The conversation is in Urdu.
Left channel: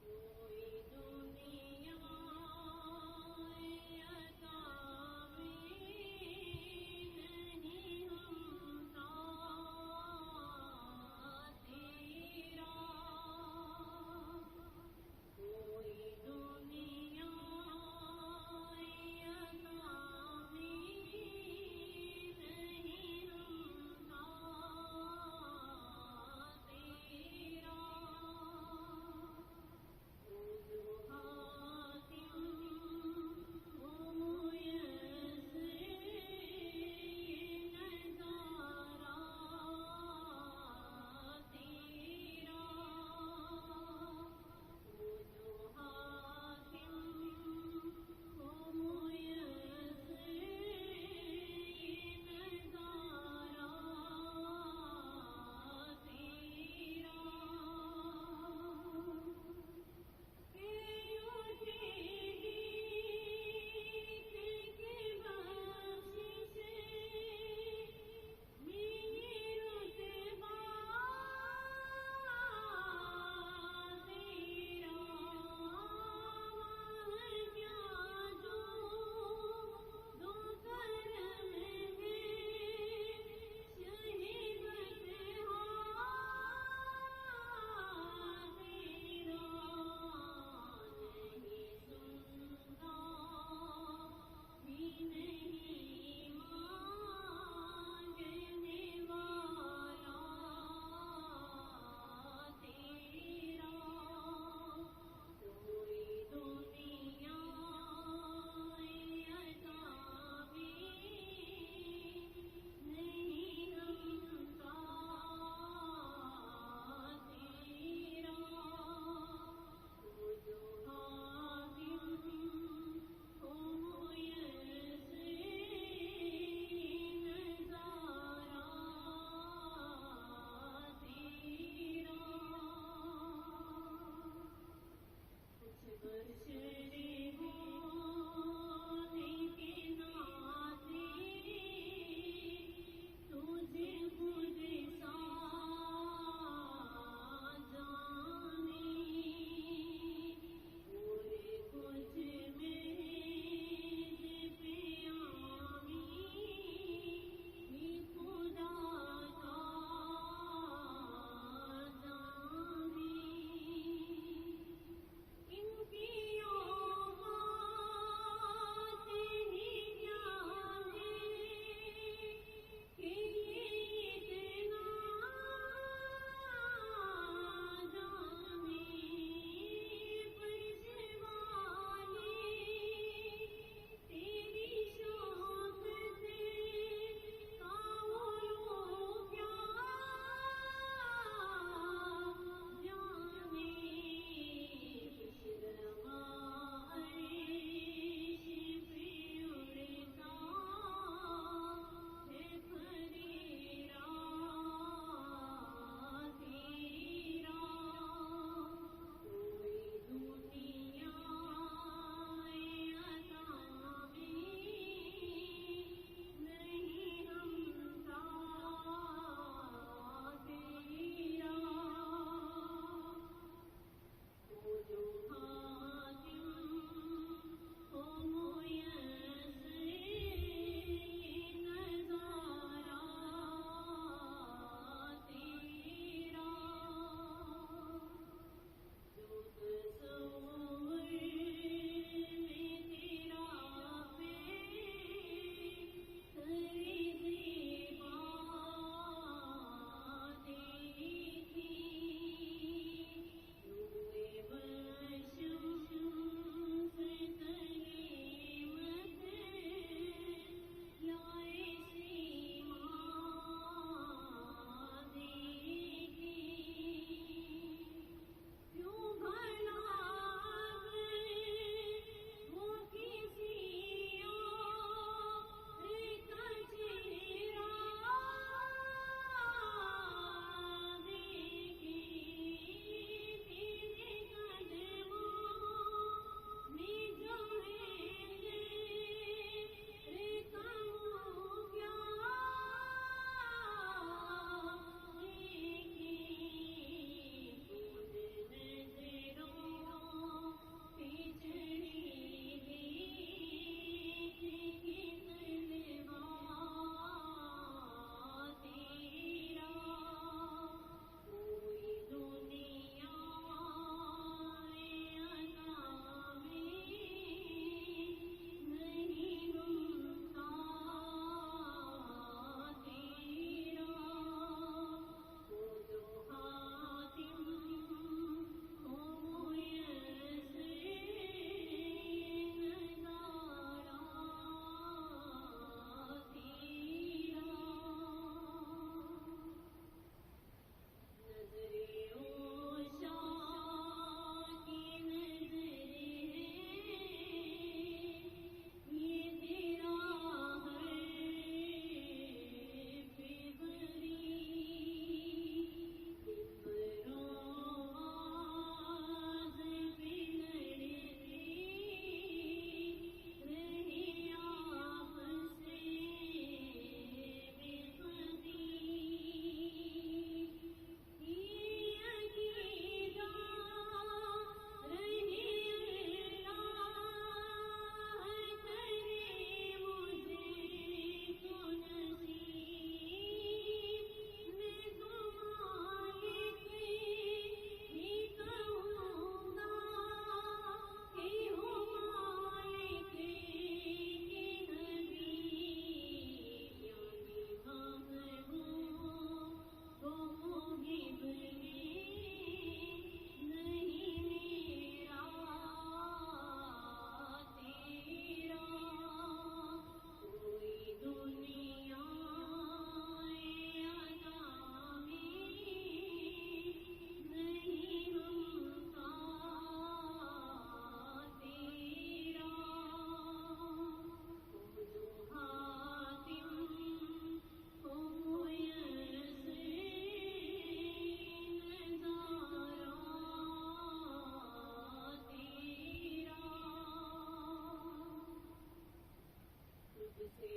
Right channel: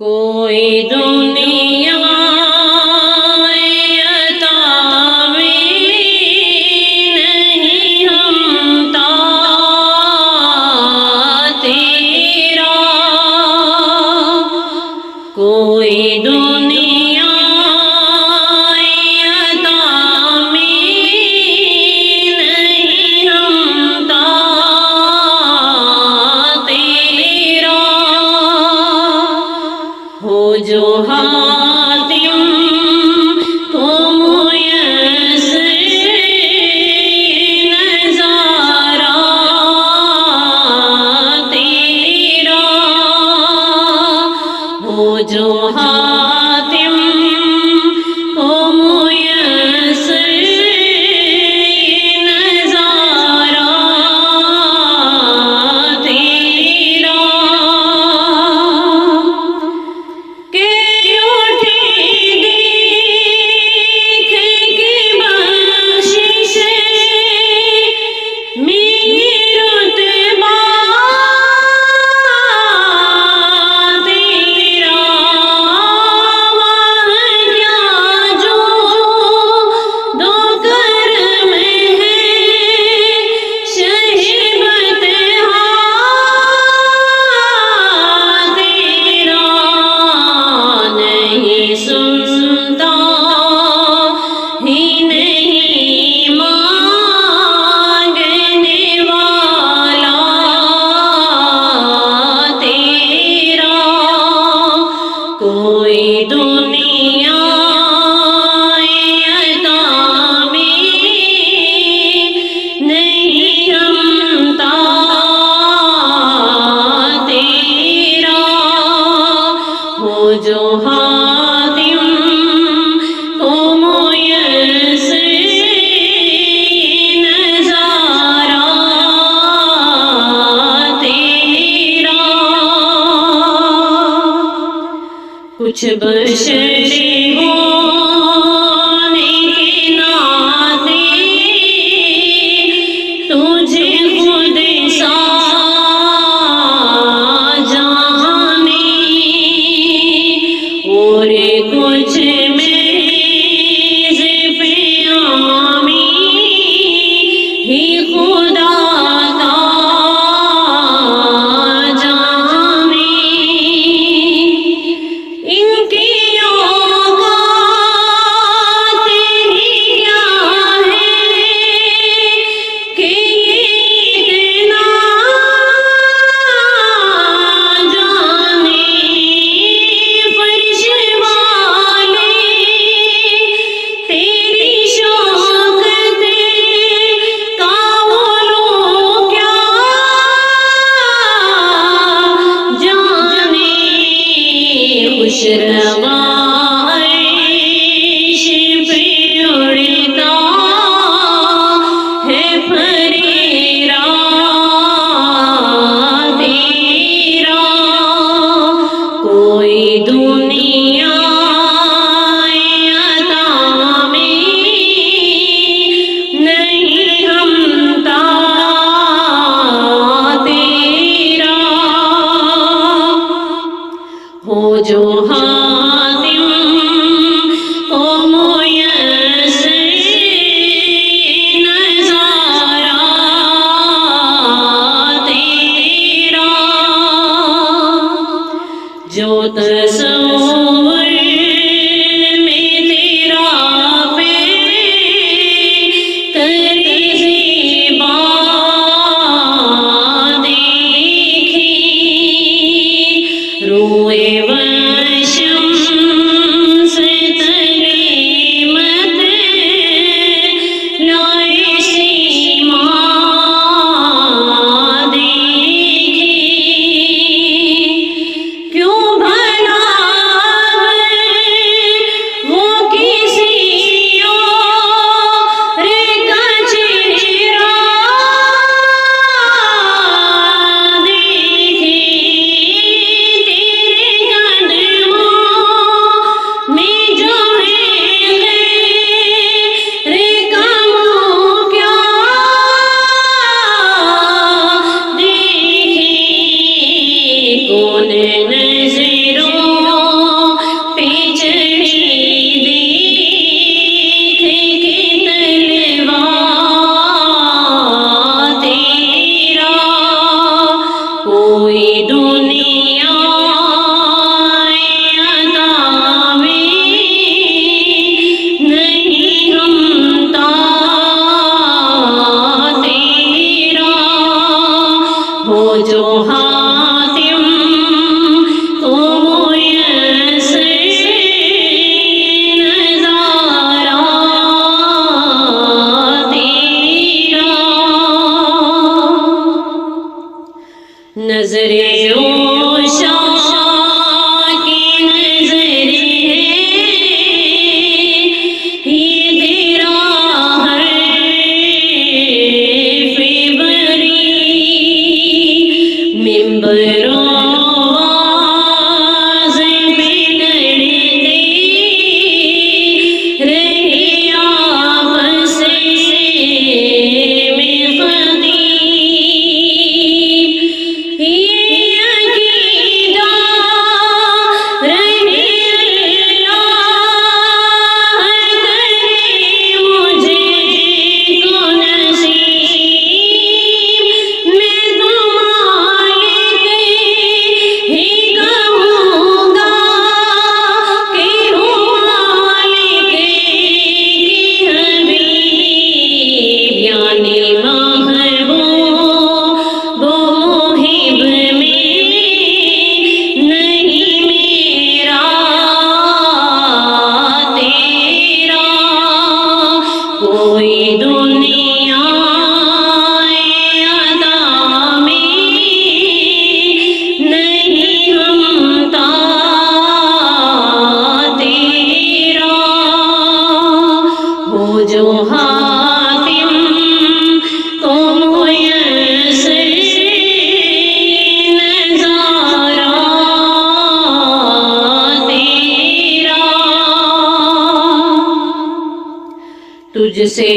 کوئی دنیا عطا میں نہیں ہمتا تیرا، کوئی دنیا عطا میں نہیں ہمتا تیرا، ہو جو حاتم کو میسر نظارہ تیرا، ہو جو حاتم کو میسر نظارہ تیرا، کوئی دنیا عطا میں نہیں ہمتا تیرا، ہو جو حاتم کو میسر نظارہ تیرا، کچھ بشر ہونے کے ناطے تجھے خود سا جانے، اور کچھ میز پہ آمی ہی خدا کا جانے، ان کی اوقات ہی کیا ہے کہ یہ اتنا جانے، فرش والے تیری شوکت کا وہ لوگ کیا جانے، خوش روا عرش پہ اڑتا ہے پھریرا تیرا، کوئی دنیا عطا میں نہیں ہمتا تیرا، ہو جو حاتم کو میسر نظارہ تیرا، جو تصور میں تیرا پیش کرے زیبا دیکھی، روئے شمس تلے مت لائے سیما دیکھی، کیوں بھلا وہ کسی اور کا چہرہ دیکھے، تیرے سے